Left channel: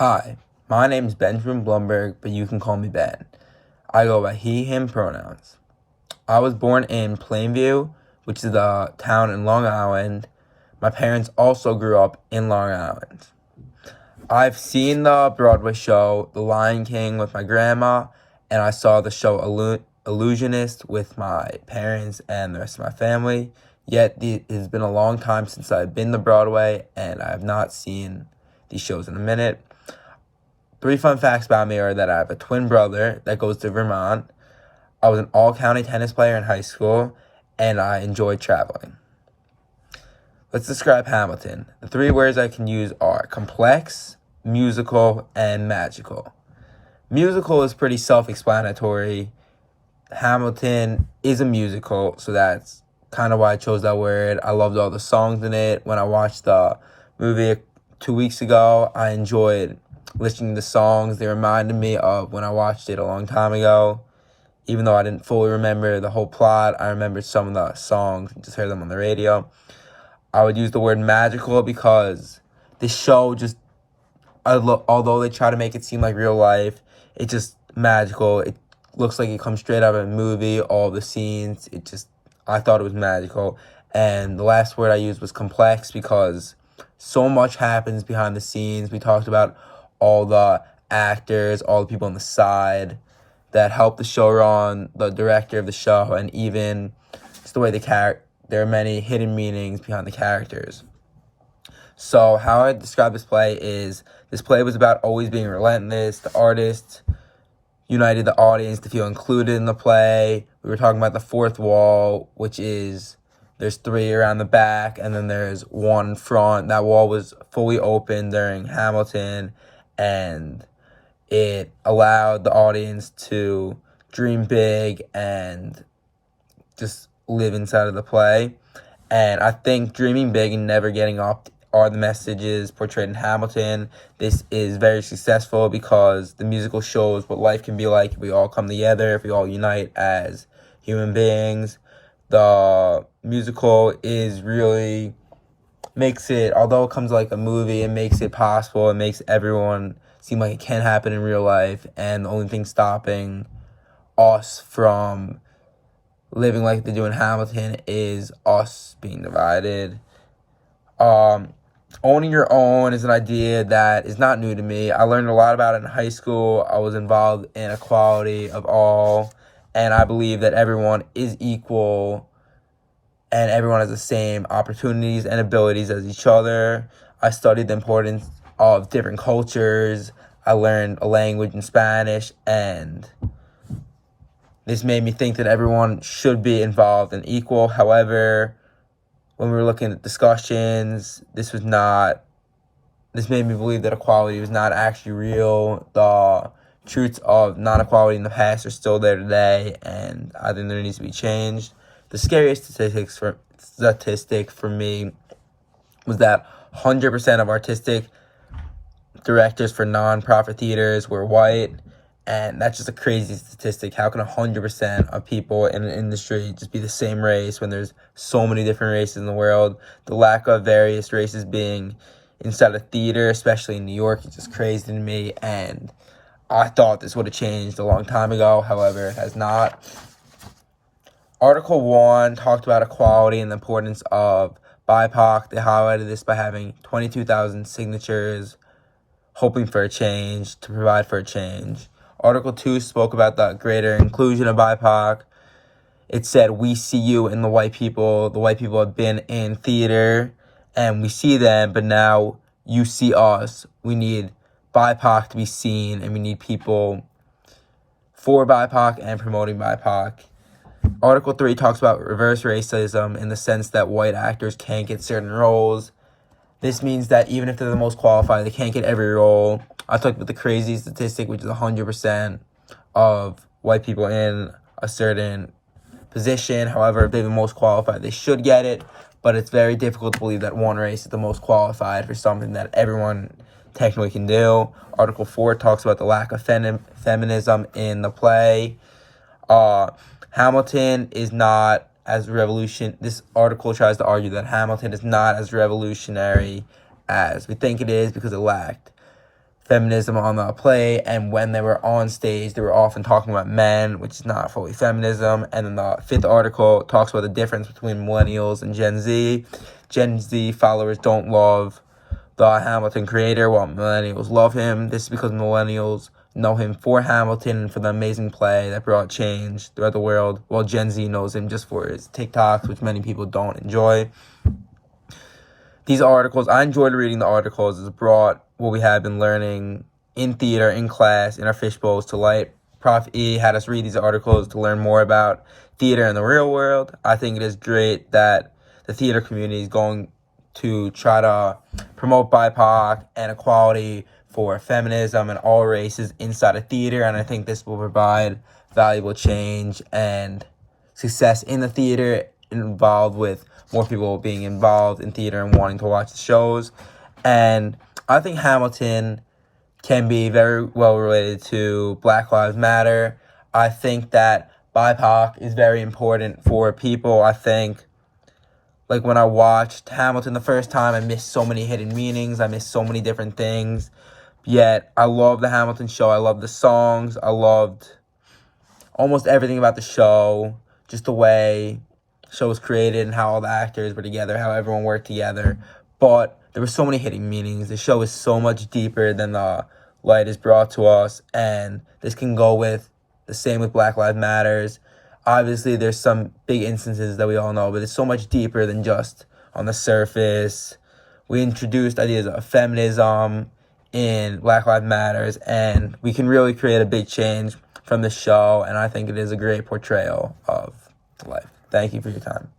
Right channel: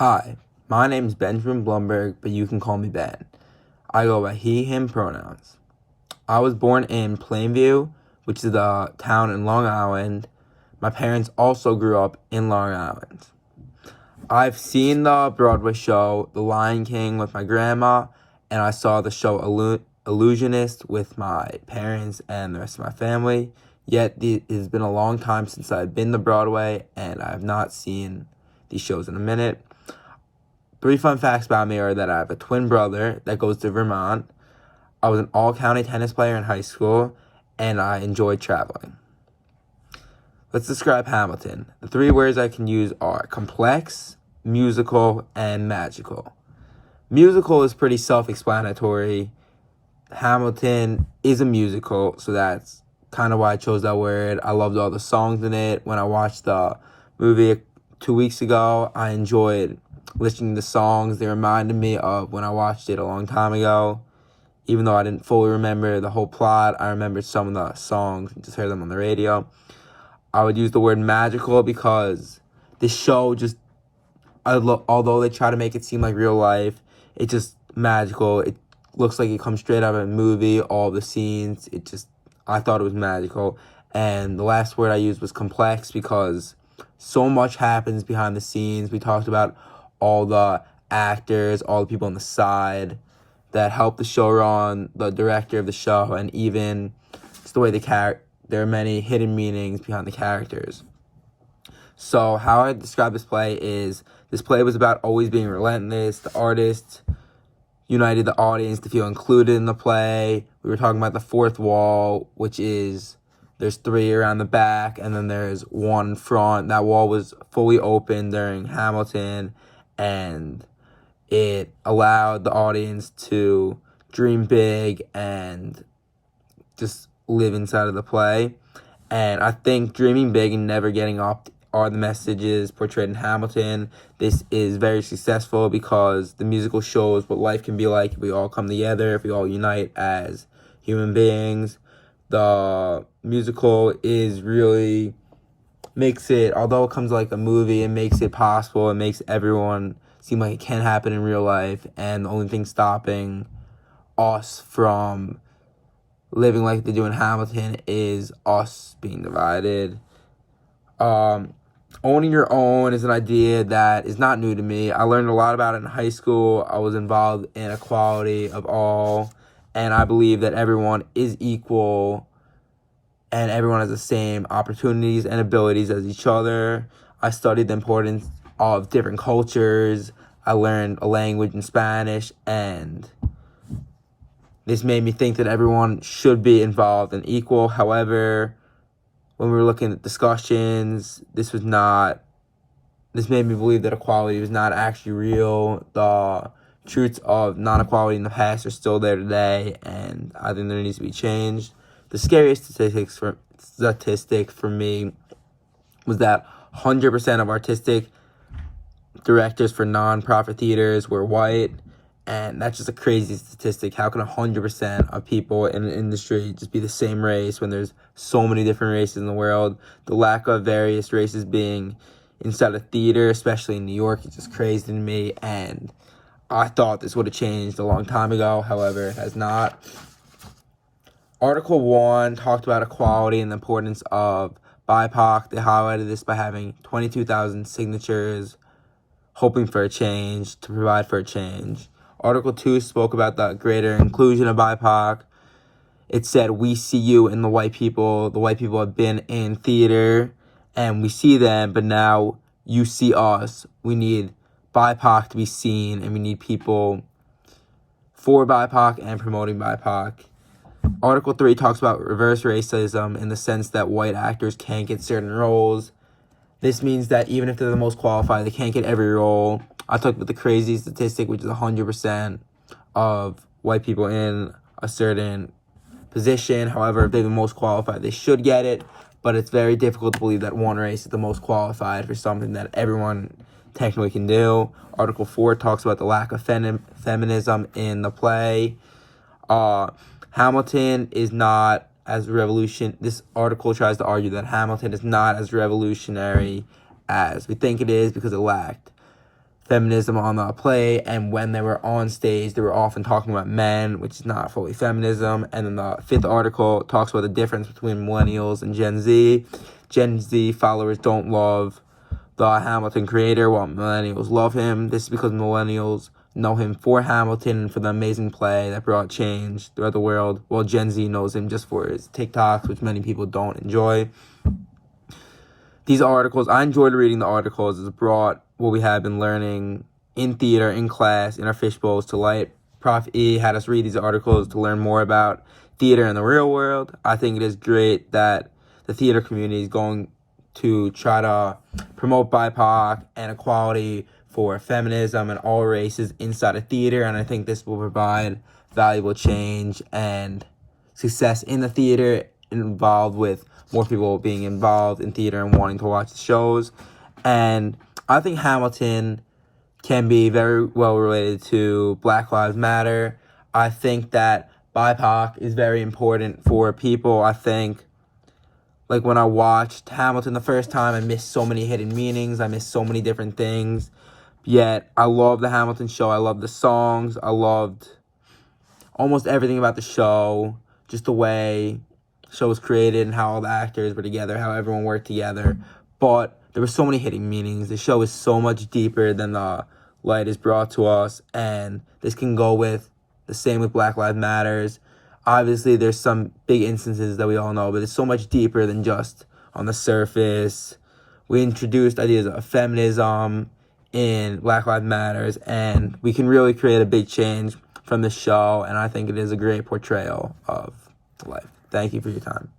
Hi, my name's Benjamin Blumberg, but you can call me Ben. I go by he, him pronouns. I was born in Plainview, which is a town in Long Island. My parents also grew up in Long Island. I've seen the Broadway show The Lion King with my grandma, and I saw the show Illusionist with my parents and the rest of my family. Yet it has been a long time since I've been to Broadway, and I have not seen these shows in a minute. 3 fun facts about me are that I have a twin brother that goes to Vermont. I was an all-county tennis player in high school, and I enjoyed traveling. Let's describe Hamilton. The 3 words I can use are complex, musical, and magical. Musical is pretty self-explanatory. Hamilton is a musical, so that's kind of why I chose that word. I loved all the songs in it. When I watched the movie 2 weeks ago, I enjoyed listening to songs. They reminded me of when I watched it a long time ago. Even though I didn't fully remember the whole plot, I remembered some of the songs and just heard them on the radio. I would use the word magical because this show just, although they try to make it seem like real life, it's just magical. It looks like it comes straight out of a movie, all the scenes. I thought it was magical. And the last word I used was complex because so much happens behind the scenes. We talked about all the actors, all the people on the side that help the show run, the director of the show, and even just the way there are many hidden meanings behind the characters. So how I describe this play is, this play was about always being relentless. The artist united the audience to feel included in the play. We were talking about the fourth wall, which is, there's 3 around the back, and then there's 1 front. That wall was fully open during Hamilton, and it allowed the audience to dream big and just live inside of the play. And I think dreaming big and never getting up are the messages portrayed in Hamilton. This is very successful because the musical shows what life can be like if we all come together, if we all unite as human beings. The musical makes it, although it comes like a movie, it makes it possible. It makes everyone seem like it can happen in real life, and the only thing stopping us from living like they do in Hamilton is us being divided. Owning your own is an idea that is not new to me. I learned a lot about it in high school. I was involved in equality of all, and I believe that everyone is equal and everyone has the same opportunities and abilities as each other. I studied the importance of different cultures. I learned a language in Spanish, and this made me think that everyone should be involved and equal. However, when we were looking at discussions, this made me believe that equality was not actually real. The truths of non-equality in the past are still there today, and I think there needs to be change. The scariest statistic for me was that 100% of artistic directors for non-profit theaters were white, and that's just a crazy statistic. How can 100% of people in the industry just be the same race when there's so many different races in the world? The lack of various races being inside a theater, especially in New York, is just crazy to me, and I thought this would have changed a long time ago. However, it has not. Article 1 talked about equality and the importance of BIPOC. They highlighted this by having 22,000 signatures, hoping for a change, to provide for a change. Article 2 spoke about the greater inclusion of BIPOC. It said, we see you in the white people. The white people have been in theater, and we see them, but now you see us. We need BIPOC to be seen, and we need people for BIPOC and promoting BIPOC. Article 3 talks about reverse racism in the sense that white actors can't get certain roles. This means that even if they're the most qualified, they can't get every role. I talked about the crazy statistic, which is 100% of white people in a certain position. However, if they're the most qualified, they should get it. But it's very difficult to believe that one race is the most qualified for something that everyone technically can do. Article 4 talks about the lack of feminism in the play. Hamilton is not as this article tries to argue that Hamilton is not as revolutionary as we think it is because it lacked feminism on the play, and when they were on stage, they were often talking about men, which is not fully feminism. And then the 5th article talks about the difference between millennials and Gen Z. Gen Z followers don't love the Hamilton creator, while millennials love him. This is because millennials know him for Hamilton and for the amazing play that brought change throughout the world, while Gen Z knows him just for his TikToks, which many people don't enjoy. These articles, I enjoyed reading the articles. It's brought what we have been learning in theater, in class, in our fishbowls to light. Prof. E had us read these articles to learn more about theater in the real world. I think it is great that the theater community is going to try to promote BIPOC and equality for feminism and all races inside of theater, and I think this will provide valuable change and success in the theater, involved with more people being involved in theater and wanting to watch the shows. And I think Hamilton can be very well related to Black Lives Matter. I think that BIPOC is very important for people. I think, like, when I watched Hamilton the first time, I missed so many hidden meanings. I missed so many different things. Yet, I love the Hamilton show. I love the songs. I loved almost everything about the show. Just the way the show was created and how all the actors were together, how everyone worked together. But there were so many hidden meanings. The show is so much deeper than the light is brought to us. And this can go with the same with Black Lives Matters. Obviously, there's some big instances that we all know, but it's so much deeper than just on the surface. We introduced ideas of feminism in Black Lives Matters, and we can really create a big change from the show, and I think it is a great portrayal of life. Thank you for your time.